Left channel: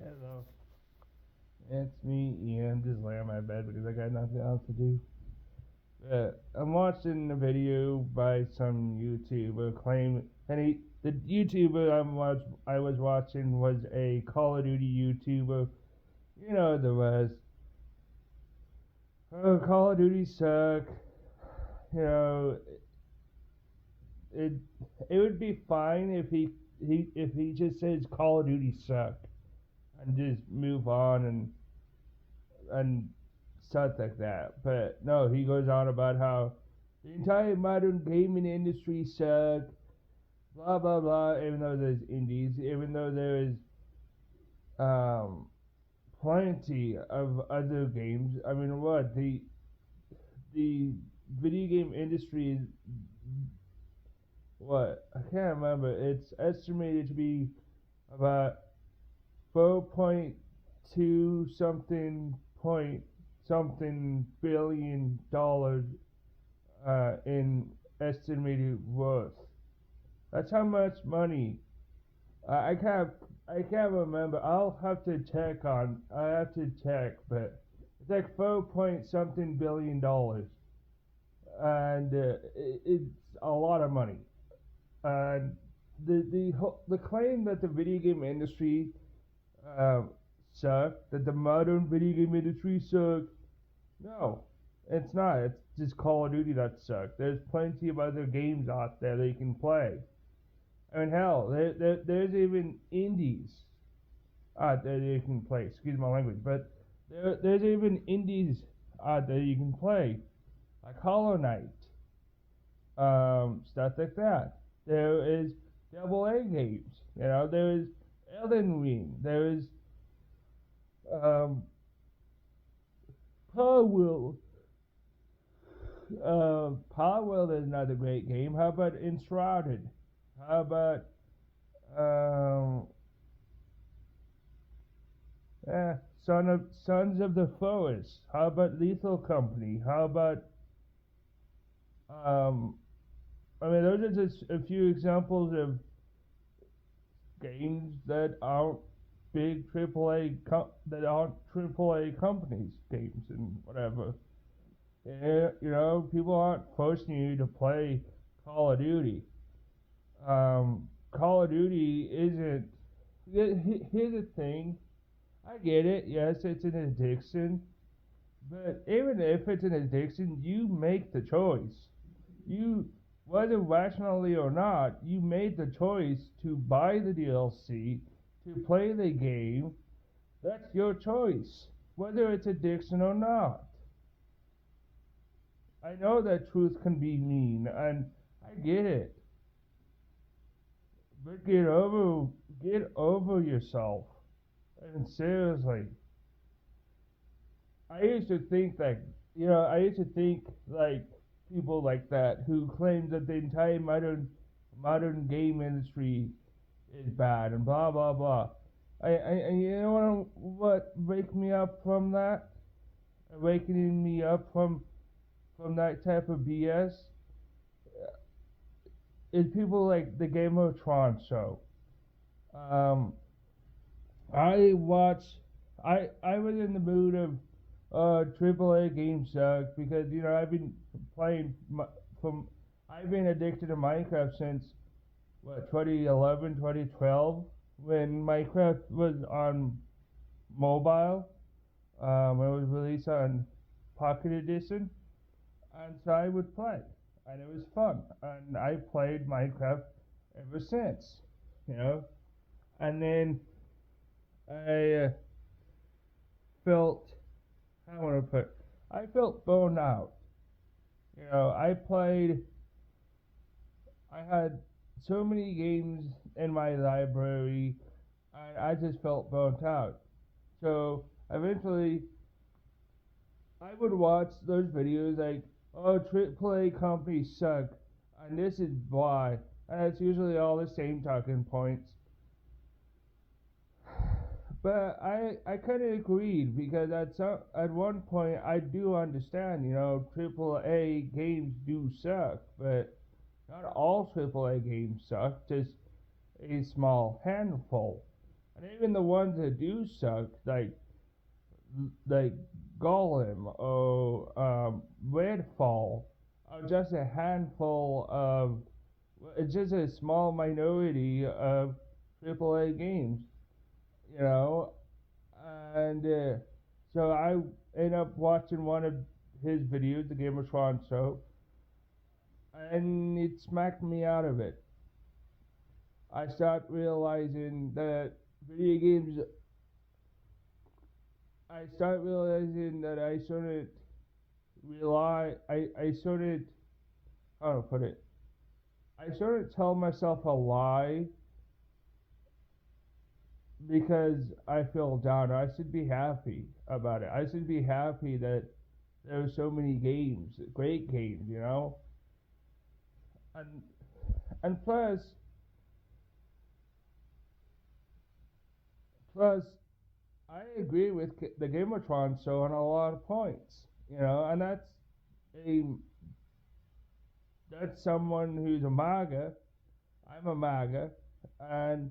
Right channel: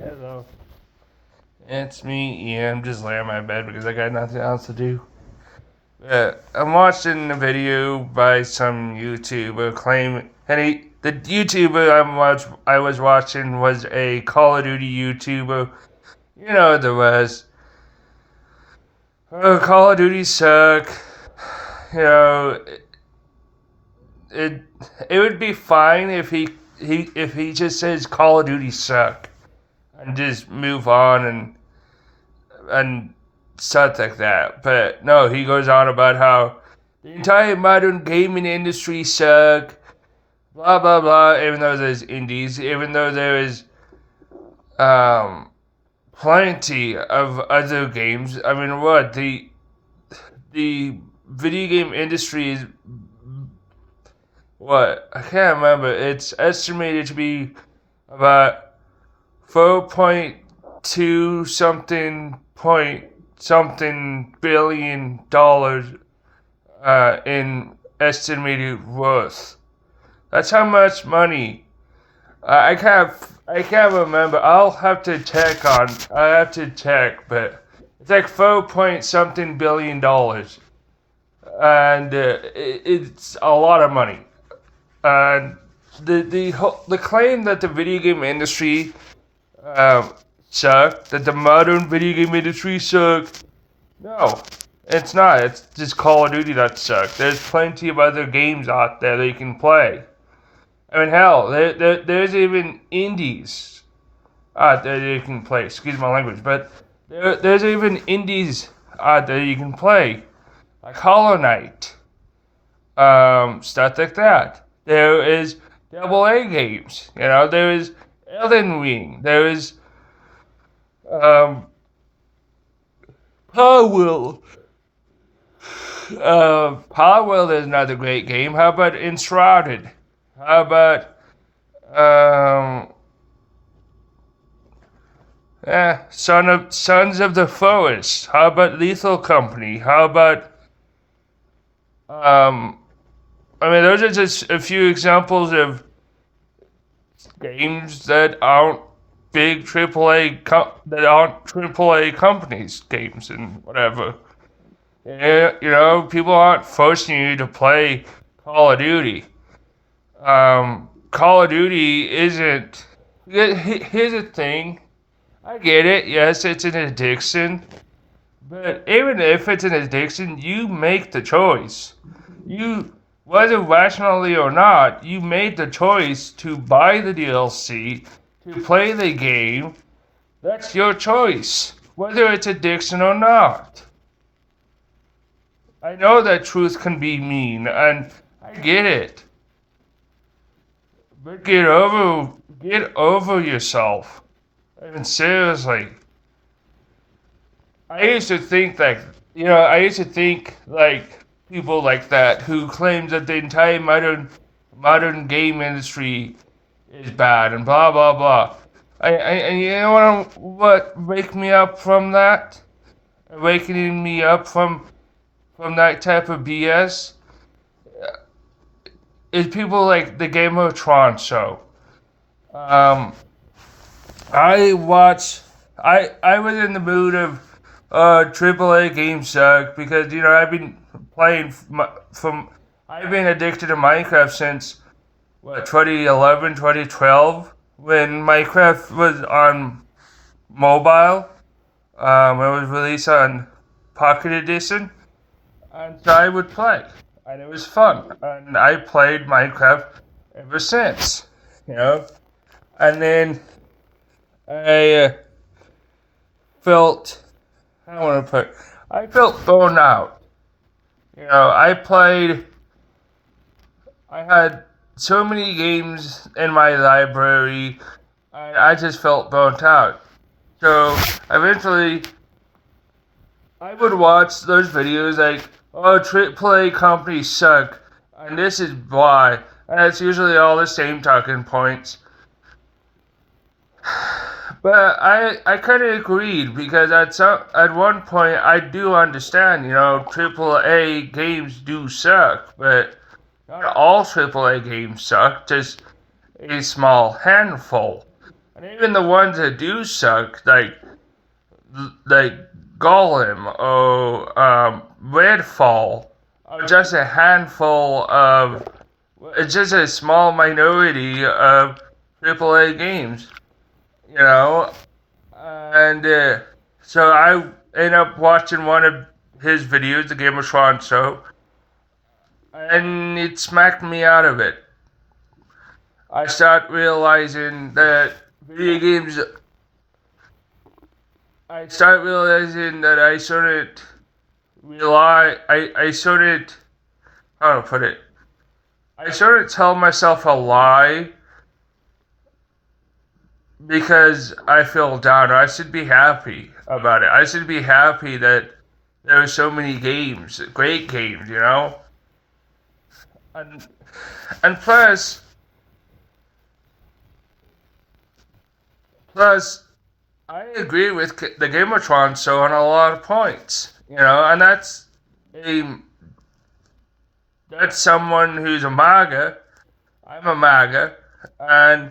Hello. It's me, Ian. I'm just laying on my bed because I got nothing else to do. I'm watching a video by some YouTuber claim, and the YouTuber I was watching was a Call of Duty YouTuber. You know the rest. Oh, Call of Duty suck. You know, it it would be fine if he just says Call of Duty suck and just move on and stuff like that. But no, he goes on about how the entire modern gaming industry suck, blah blah blah. Even though there's indies, even though there is um plenty of other games. I mean, what the video game industry is what I can't remember. It's estimated to be about 4.2 something billion dollars in estimated worth. That's how much money. I can't remember. I have to check, but it's like 4 point something billion dollars, and it's a lot of money. And the claim that the video game industry um, sucked, that the modern video game industry sucked. No, it's not. It's just Call of Duty that sucks. There's plenty of other games out there that you can play. I mean, hell, there's even indies out there that you can play. Excuse my language, but there's even indies out there you can play, like Hollow Knight, stuff like that. There is double A games. You know, there is Elden Ring. There is um, Power Palworld is another great game. How about Enshrouded? How about um, Sons of the Forest? How about Lethal Company? How about um, I mean, those are just a few examples of games that aren't big that aren't AAA companies games and whatever. Yeah, you know, people aren't forcing you to play Call of Duty. Call of Duty isn't. Here's the thing. I get it. Yes, it's an addiction. But even if it's an addiction, you make the choice. You, whether rationally or not, you made the choice to buy the DLC, to play the game. That's your choice, whether it's addiction or not. I know that truth can be mean, and I get it. But get over yourself. I mean, seriously. I used to think that, I used to think like people like that who claim that the entire modern game industry is bad and blah blah blah. And you know what wake me up from that? Awakening me up from that type of BS is people like the Game of Thrones show. Um, I watch. I was in the mood of AAA games suck because I've been playing from I've been addicted to Minecraft since what 2011 2012 when Minecraft was on mobile. It was released on Pocket Edition, and so I would play, and it was fun, and I played Minecraft ever since. You know, and then I felt I want to put I felt burned out. I had so many games in my library, I just felt burnt out. So eventually, I would watch those videos like, oh, AAA companies suck, and this is why. And it's usually all the same talking points. But I kind of agreed because at one point I do understand, AAA games do suck, but not all AAA games suck, just a small handful. And even the ones that do suck, like Golem or Redfall, are just a handful of. It's just a small minority of AAA games, you know. And so I ended up watching one of his videos, the Gamertron show, and it smacked me out of it. I start realizing that video games. I start realizing that I shouldn't rely. I shouldn't. How to put it? I shouldn't tell myself a lie because I feel down. I should be happy about it. I should be happy that there are so many games, great games, you know. And and plus, I agree with the Gamertron show on a lot of points, you know, and a that's someone who's a MAGA. I'm a MAGA, and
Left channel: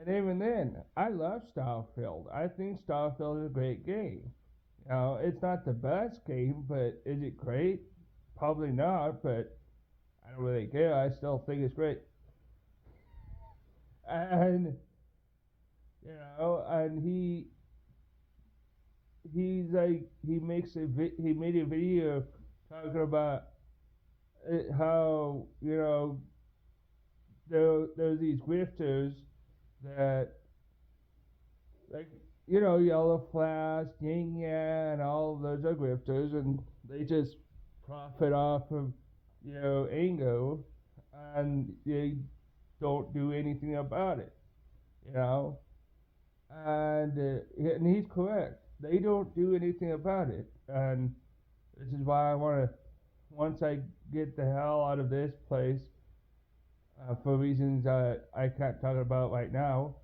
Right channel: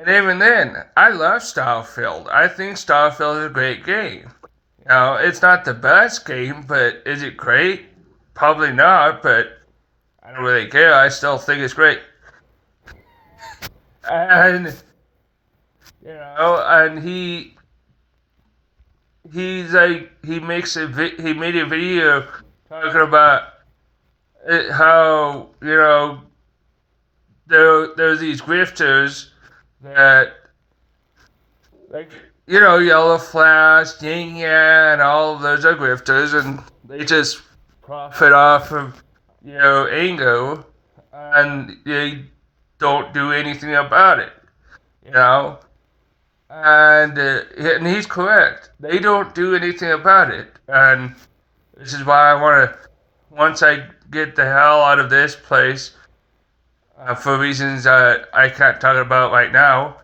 even then, I love Starfield. I think Starfield is a great game. You know, it's not the best game, but is it great? Probably not, but I don't really care. I still think it's great. And you know, and he made a video talking about how, you know, there's these grifters that, like, you know, Yellow Flash, Yin Yang, and all of those are grifters, and they just profit off of, you know, Ango, and they don't do anything about it, you know. And he's correct. They don't do anything about it, and this is why I want to. Once I get the hell out of this place, for reasons that I can't talk about right now,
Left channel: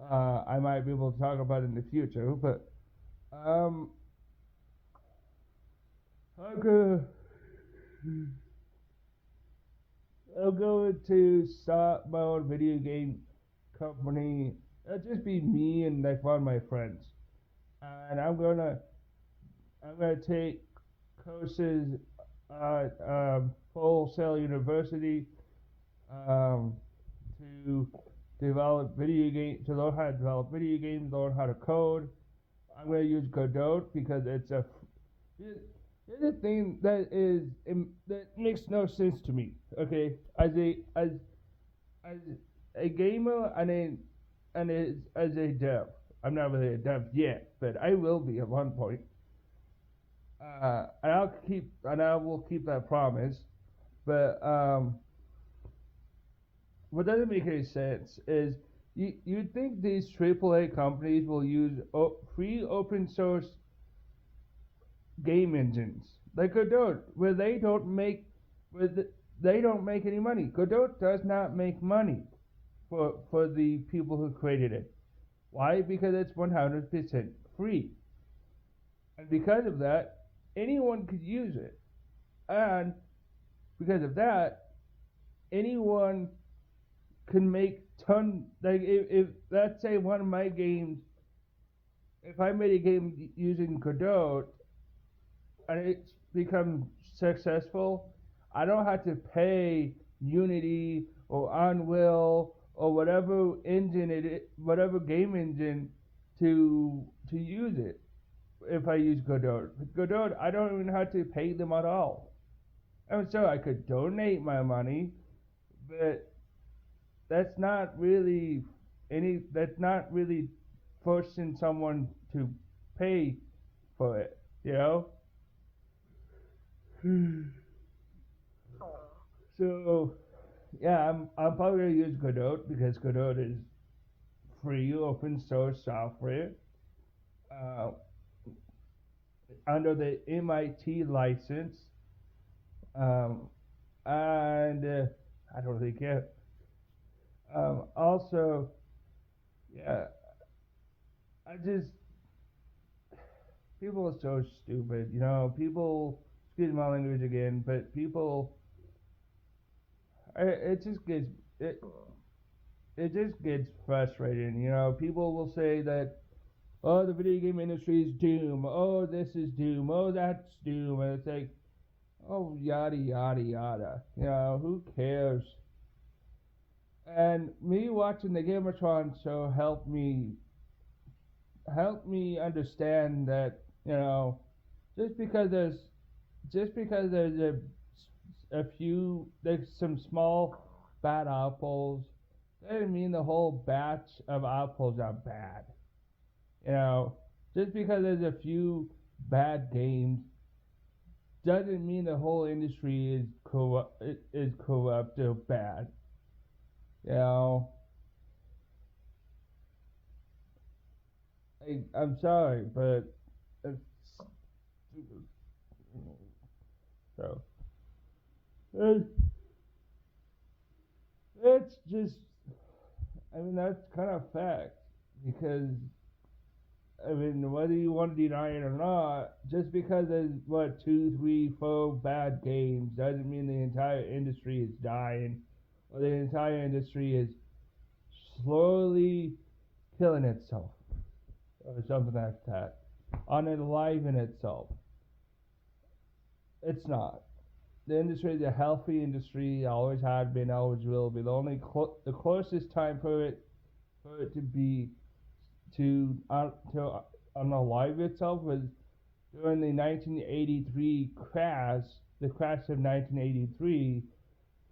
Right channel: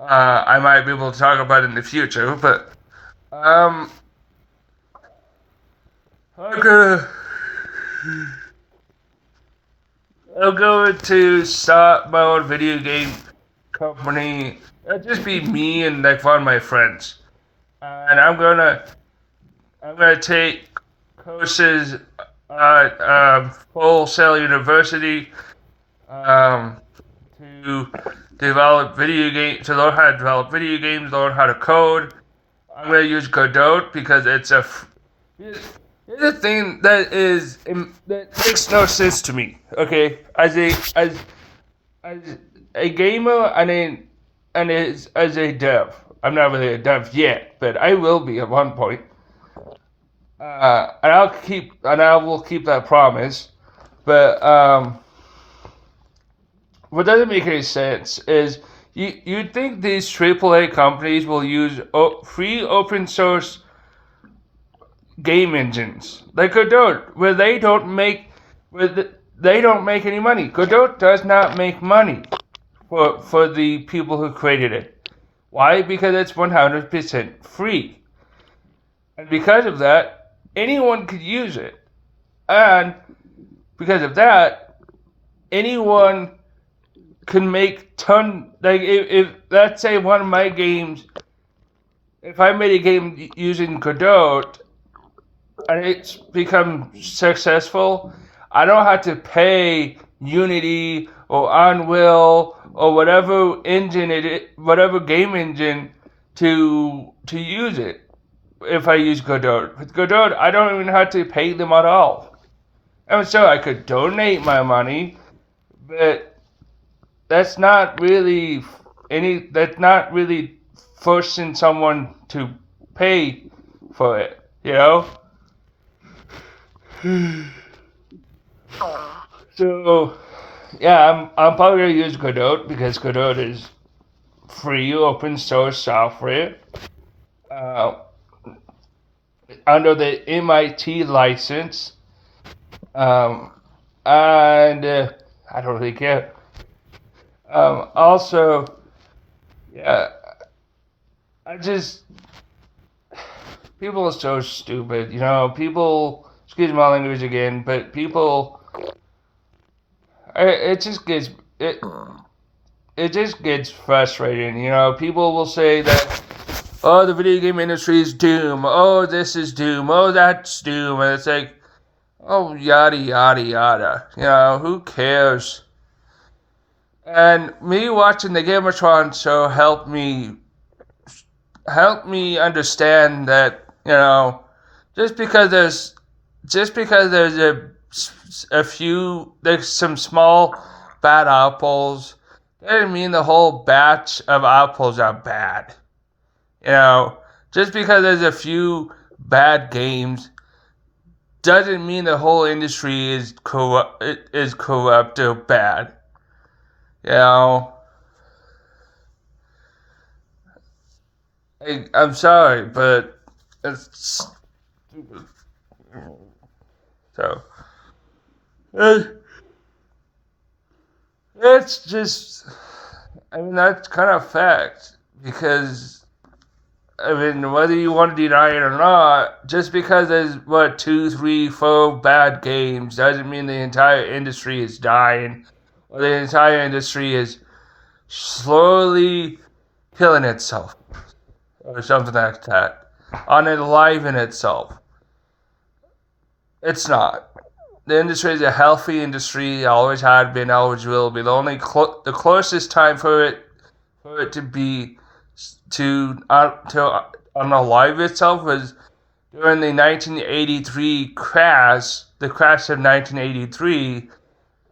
I might be able to talk about it in the future. But um, I'll go. I'll go to start my own video game company. It'll just be me and like one of my friends, and I'm gonna take courses at Full Sail University um, to develop video games, to learn how to develop video games, learn how to code. I'm gonna use Godot because it's here's the thing that makes no sense to me. Okay, as a gamer and as a dev. I'm not really a dev yet, but I will be at one point. And I will keep that promise. But what doesn't make any sense is you'd think these AAA companies will use free open source game engines like Godot, where they don't make any money. Godot does not make money for the people who created it. Why? Because it's 100% free. And because of that, anyone could use it. And because of that, anyone can make like if let's say one of my games, if I made a game using Godot and it's become successful, I don't have to pay Unity or Unreal or whatever whatever game engine to use it. If I use Godot, with Godot, I don't even have to pay them at all. I'm sure I could donate my money, but that's not really forcing someone to pay for it, you know? So, yeah, I'm probably gonna use Godot because Godot is free open source software under the MIT license, and I don't really care. Also, yeah, people are so stupid, you know. People, excuse my language again, but people, it just gets it just gets frustrating. You know, people will say that, oh, the video game industry is doom. Oh, this is doom. Oh, that's doom. And it's like, oh, yada, yada, yada. You know, who cares? And me watching the Gamertron show helped me understand that, you know, just because there's there's some small bad apples, doesn't mean the whole batch of apples are bad. You know, just because there's a few bad games doesn't mean the whole industry is corrupt or bad. You know, I'm sorry, but it's stupid. So it, it's just, I mean, that's kind of fact because I mean, whether you want to deny it or not, just because there's what 2, 3, 4 bad games doesn't mean the entire industry is dying or the entire industry is slowly killing itself or something like that, unaliving itself. It's not. The industry is a healthy industry. Always had been. Always will be. The closest time for it to be to unalive itself was during the 1983 crash. The crash of 1983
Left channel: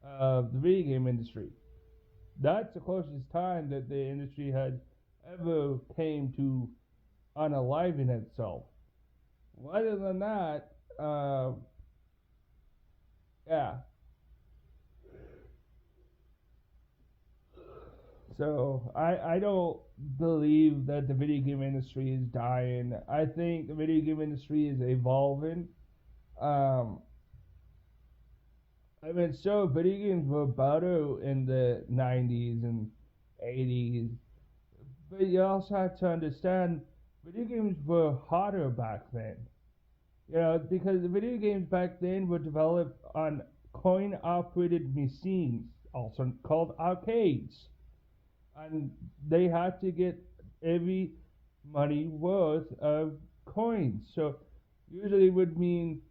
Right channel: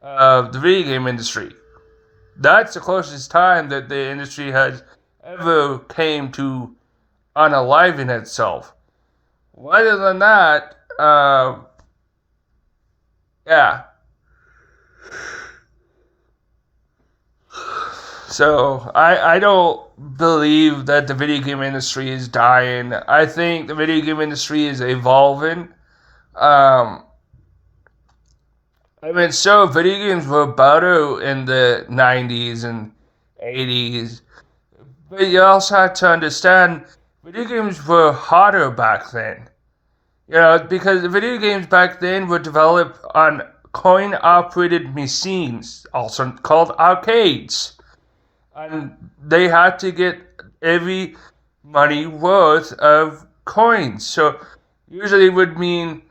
of the video game industry. That's the closest time that the industry has ever came to unaliving itself. Other than that, yeah. So I don't believe that the video game industry is dying. I think the video game industry is evolving. Um, I mean, so video games were better in the 90s and 80s, but you also have to understand video games were harder back then. You know, because the video games back then were developed on coin-operated machines, also called arcades. And they had to get every money worth of coins. So usually it would mean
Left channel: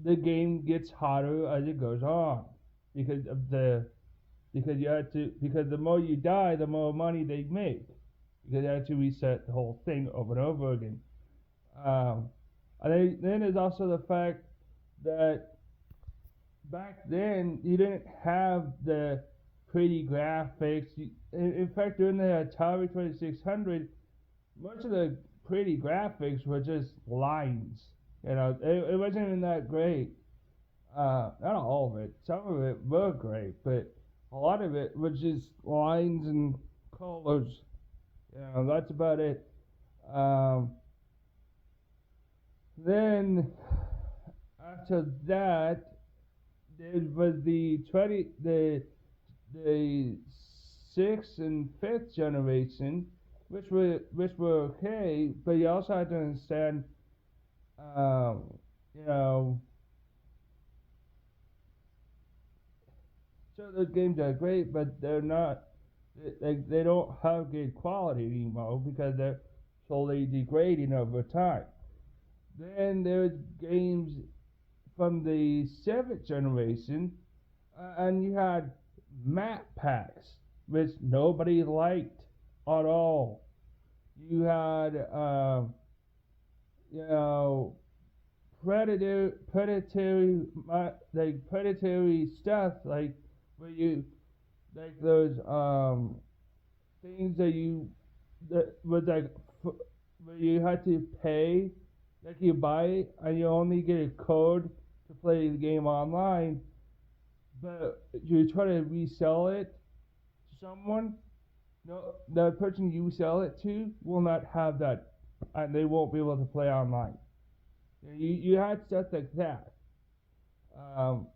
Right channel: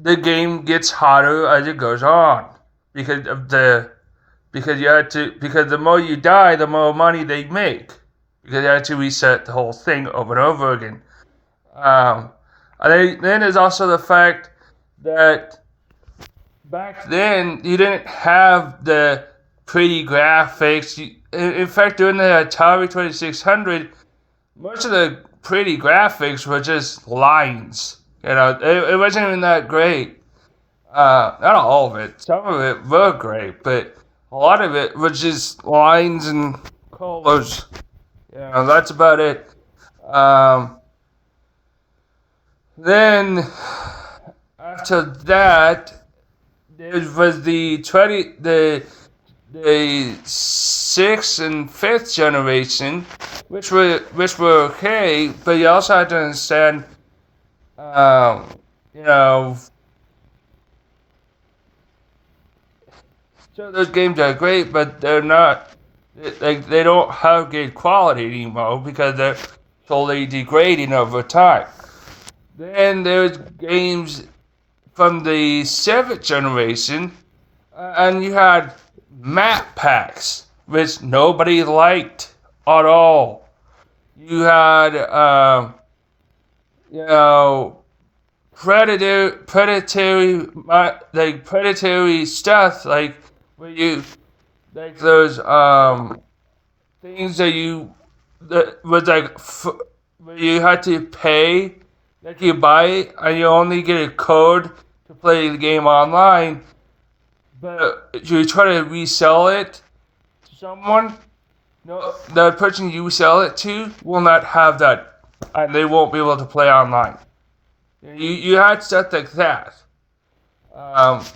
the game gets harder as it goes on. Because the more you die, the more money they make. Because you have to reset the whole thing over and over again. Um, then there's also the fact that back then you didn't have the pretty graphics. In fact, during the Atari 2600, most of the pretty graphics were just lines. You know, it wasn't even that great. Not all of it. Some of it were great, but a lot of it was just lines and colors. You know, that's about it. Um, Then after that, there was the sixth and fifth generation, which were okay, but you also have to understand, um, you know, so those games are great, but they're not. They don't have good quality anymore because they're slowly degrading over time. Then there's games from the seventh generation, and you had map packs, which nobody liked at all. You had, you know, predatory stuff, like where you, like those things that was like where you had to pay. Like you buy it and you only get a code to play the game online, but you try to resell it to someone, no, the person you sell it to will not have that, and they won't be able to play online. You had stuff like that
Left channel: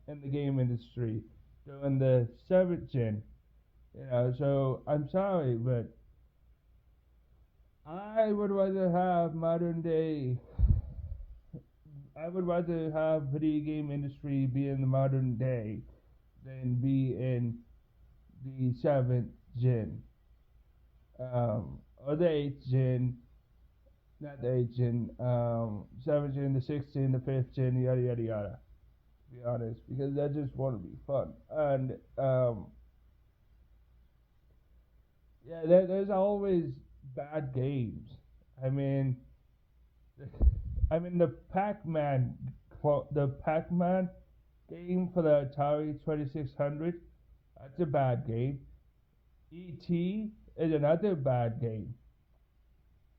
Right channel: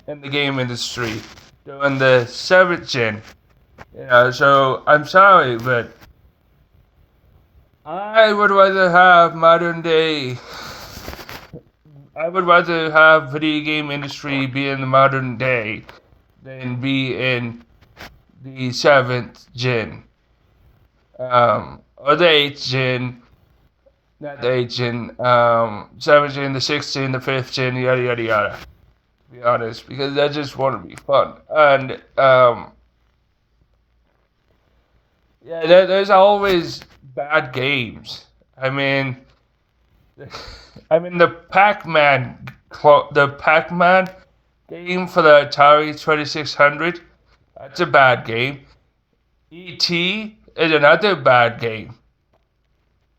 in the game industry during the seventh gen. You know, so I'm sorry, but I would rather have modern day. I would rather have video game industry be in the modern day than be in the 7th gen, or the 8th gen, not the 8th gen, 7th gen, the 6th gen, the 5th gen, yada yada yada. To be honest, because I just want to be fun, and yeah, there's always bad games. I mean, the Pac-Man game for the Atari 2600. That's a bad game. E.T. is another bad game.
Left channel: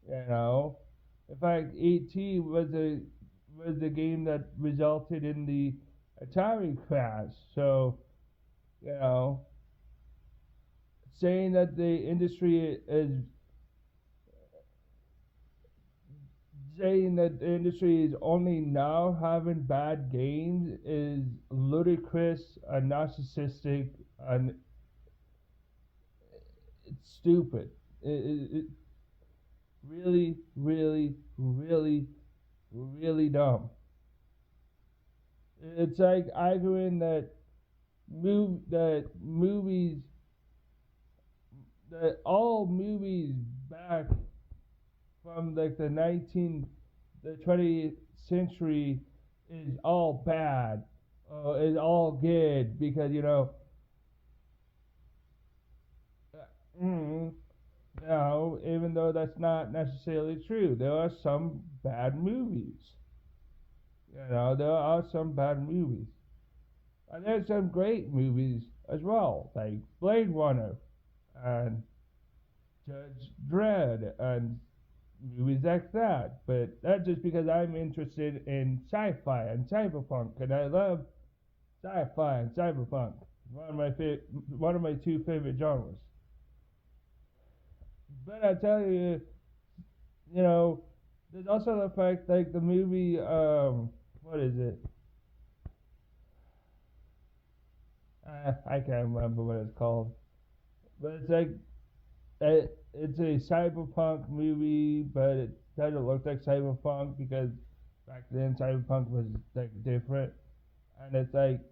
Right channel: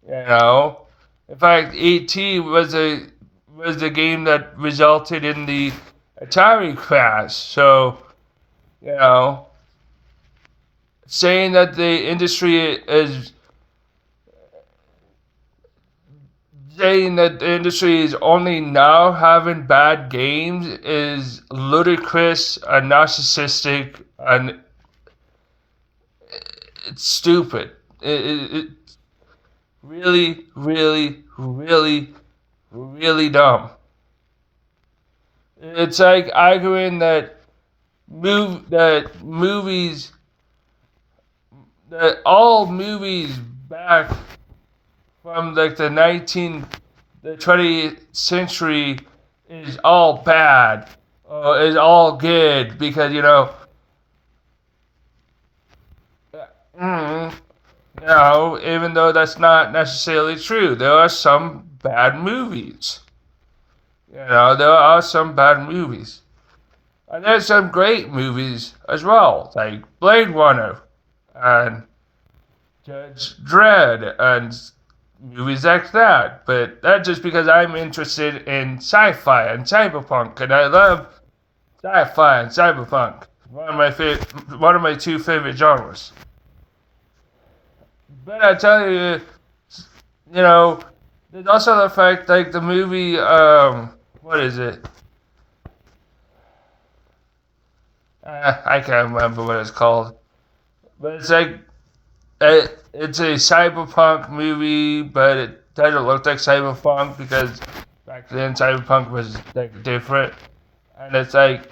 In fact, E.T. was the game that resulted in the Atari crash. So, saying that the industry is only now having bad games is ludicrous and narcissistic, and it's stupid. It's really, really, really, really dumb. It's like arguing that all movies back from like the 20th century is all bad, or is all good, because even though that's not necessarily true, there are some bad movies. There are some bad movies, and there's some great movies as well, like Blade Runner and Judge Dredd and movies like that. But that's just because I'm interested in sci-fi and cyberpunk, and I love sci-fi and cyberpunk. One of my two favorite genres. But I tell you, there's also the fact, like the movie, what is it? I can't remember what it's called. But it's like, it's a cyberpunk movie, but it doesn't look like cyberpunk, because back then cyberpunk was like different. And it's like,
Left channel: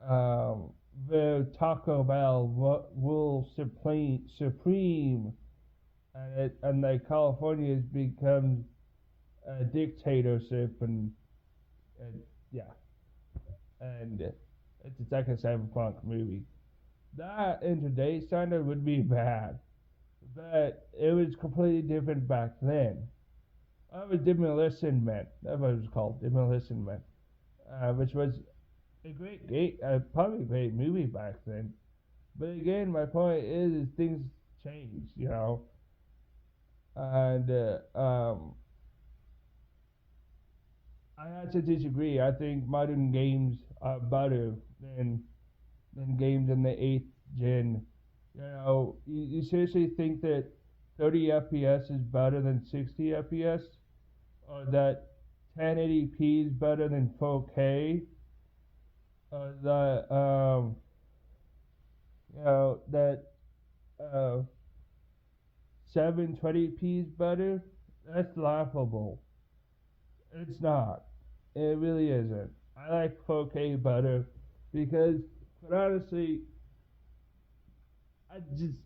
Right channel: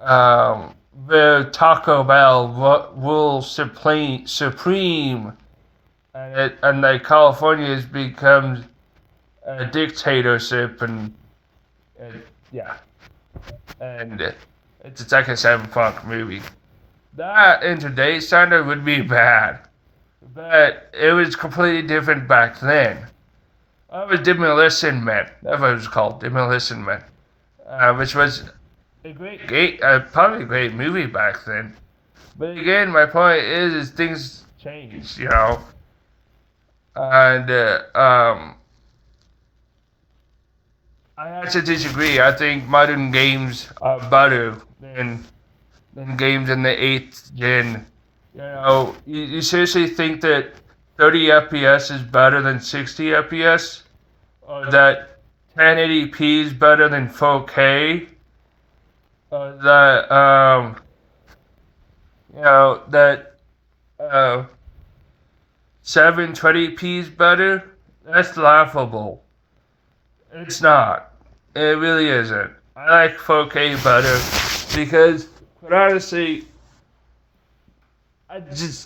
the Taco Bell rules supreme, and like California has become a dictatorship, and yeah, and it's like a cyberpunk movie. That in today's standard would be bad, but it was completely different back then. It was Demolition Man. That's what it was called, Demolition Man, which was probably a great movie back then. But again, my point is things change, and I actually disagree. I think modern games are better than games in the 8th gen. You seriously think that 30 FPS is better than 60 FPS? Or that 1080p is better than 4K? Or that, that 720p is better? That's laughable. It's not. It really isn't. I like 4K better because, but honestly,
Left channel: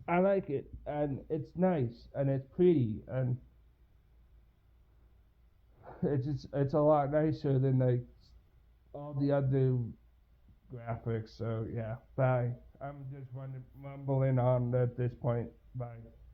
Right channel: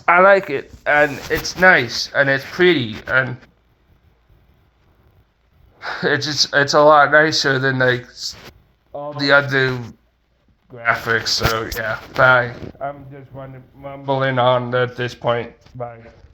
I like it, and it's nice, and it's pretty, and it's a lot nicer than like all the other graphics. So yeah, bye. I'm just mumbling on at this point. Bye.